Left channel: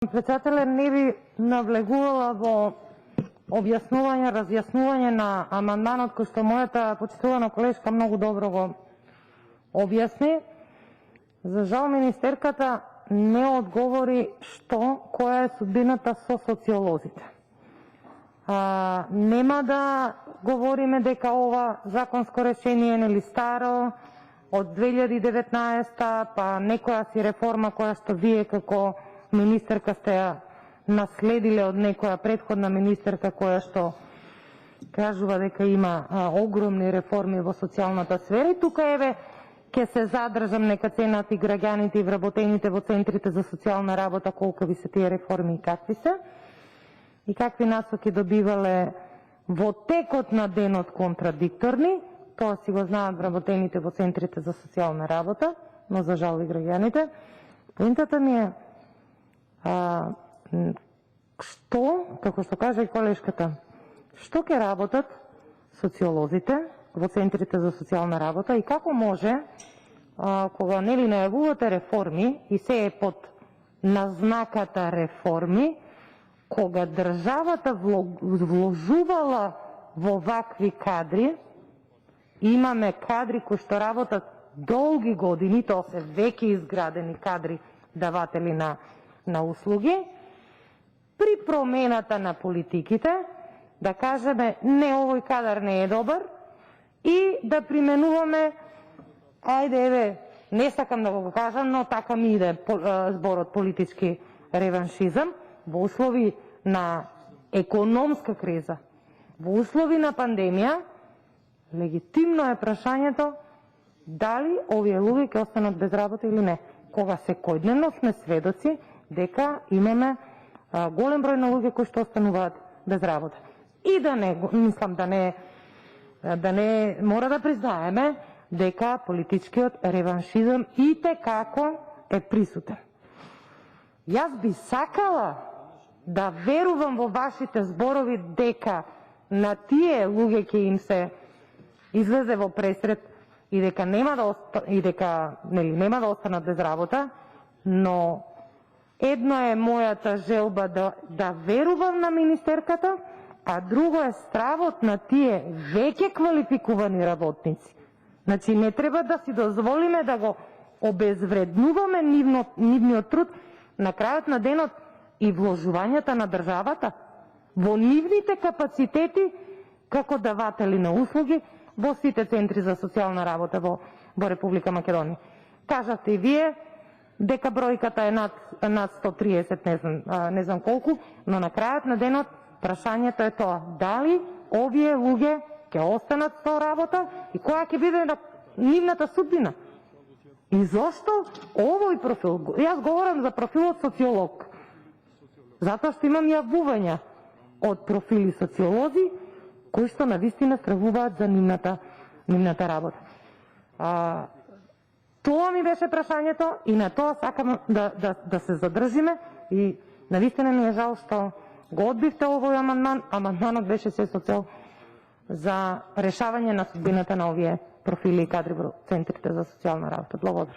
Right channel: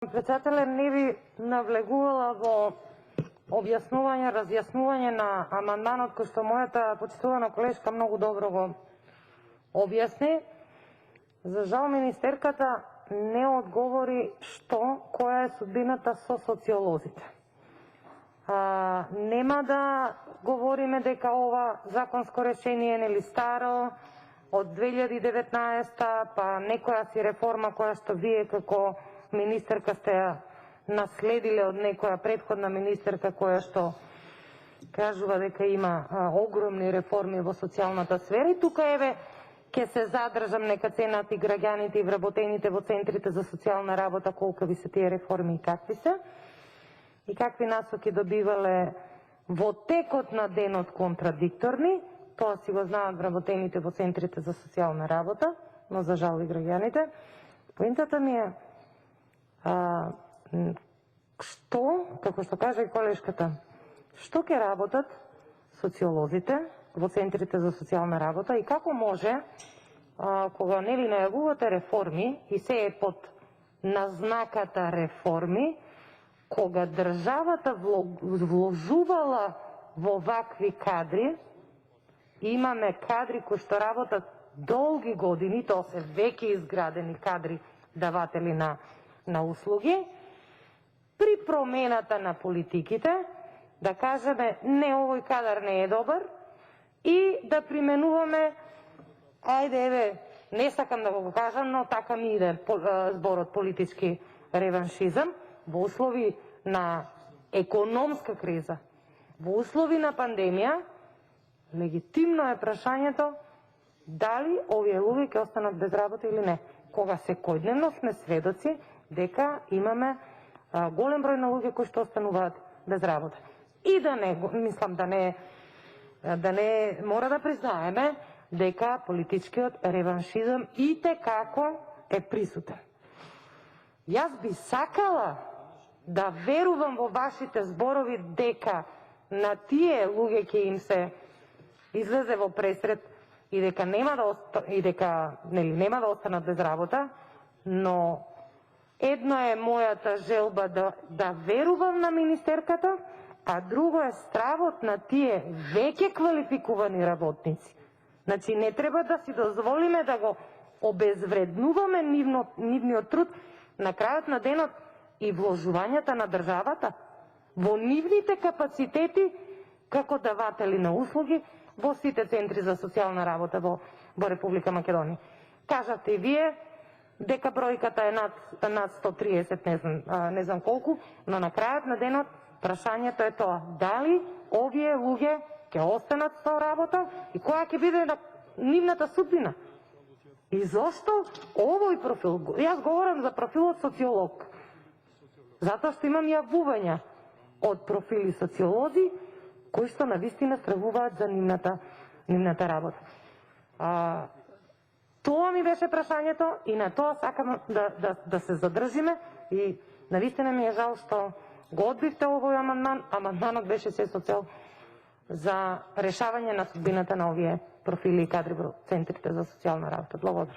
Председателе, не би навлегувала во објаснување, разјаснување на амандманот кој што мојата почитувана колешка многу добро го објасни. За жал министерката не одговори која е судбината со социолозите. Нема да говориме дека ова законско решение нели старо од 2019 па некоја си реформа која што вие како министерка сте ја наследиле од некоја претходна министерка која што кажува дека има огромни реформи во социјалната сфера. И тука еве ќе се задржам, нека ценат и граѓаните и вработените во центрите за социјална работа колку ви се тие реформи и какви се и какви насоки добивале во текот на денот контрадикторни. Тоа си го знаат вработените во центрите за социјална работа, но за жал и граѓаните. Поинтата ми е што, како што кажа и колешката, што ќе работат социолозите во центрите за социјална работа и како може, кога нели најавувате реформи и се е под назнаката реформи, кога државата вложувала во вакви кадри, имаме кадри кои што работат долги години, тоа се веќе изградени кадри даватели на услуги, при промената на политиките да кажеме не, овој кадар не е добар и да применуваме, ајде еве, не сакам да го кажам, но така ми иде зборот политички реваншизам, во услови на економска криза, во услови на пандемија, легитимно е прашањето дали овие луѓе ќе останат без работа или не, кога секојдневно сме сведоци дека имаме голем број на луѓе кои што остануваат без работа. И да не, мислам да не мора да признаеме дека политичкиот реваншизам итекако е присутен. Јас би сакала да верувам во вашите зборови дека на тие луѓе ќе им се излезе во пресрет и дека нема да останат без работа, но едно е мојата желба да верувам на министерката, а друго е стравот на тие веќе квалификувани работници. Значи не треба да си дозволиме да го обезвреднуваме нивниот труд на крајот на денот и вложувањата на државата во нивните капацитети како даватели на услуги во сите центри за социјална работа во Република Македонија. Кажавте и вие дека бројката е над 130, не знам колку, но на крајот на денот прашањето е тоа: дали овие луѓе ќе останат со работа и која ќе биде нивната судбина? И зошто овој профил? Јас говорам за профилот социолог, затоа што имам јавувања од профили социолози кои што навистина стравуваат за нивната работа. Тоа ми беше прашањето и на тоа сакам да се задржиме и навистина ми е жал што го одбивте овој амандман. Амандманот беше се со цел за решавање на судбината на овие профили и кадри во центрите за социјална работа. Благодарам.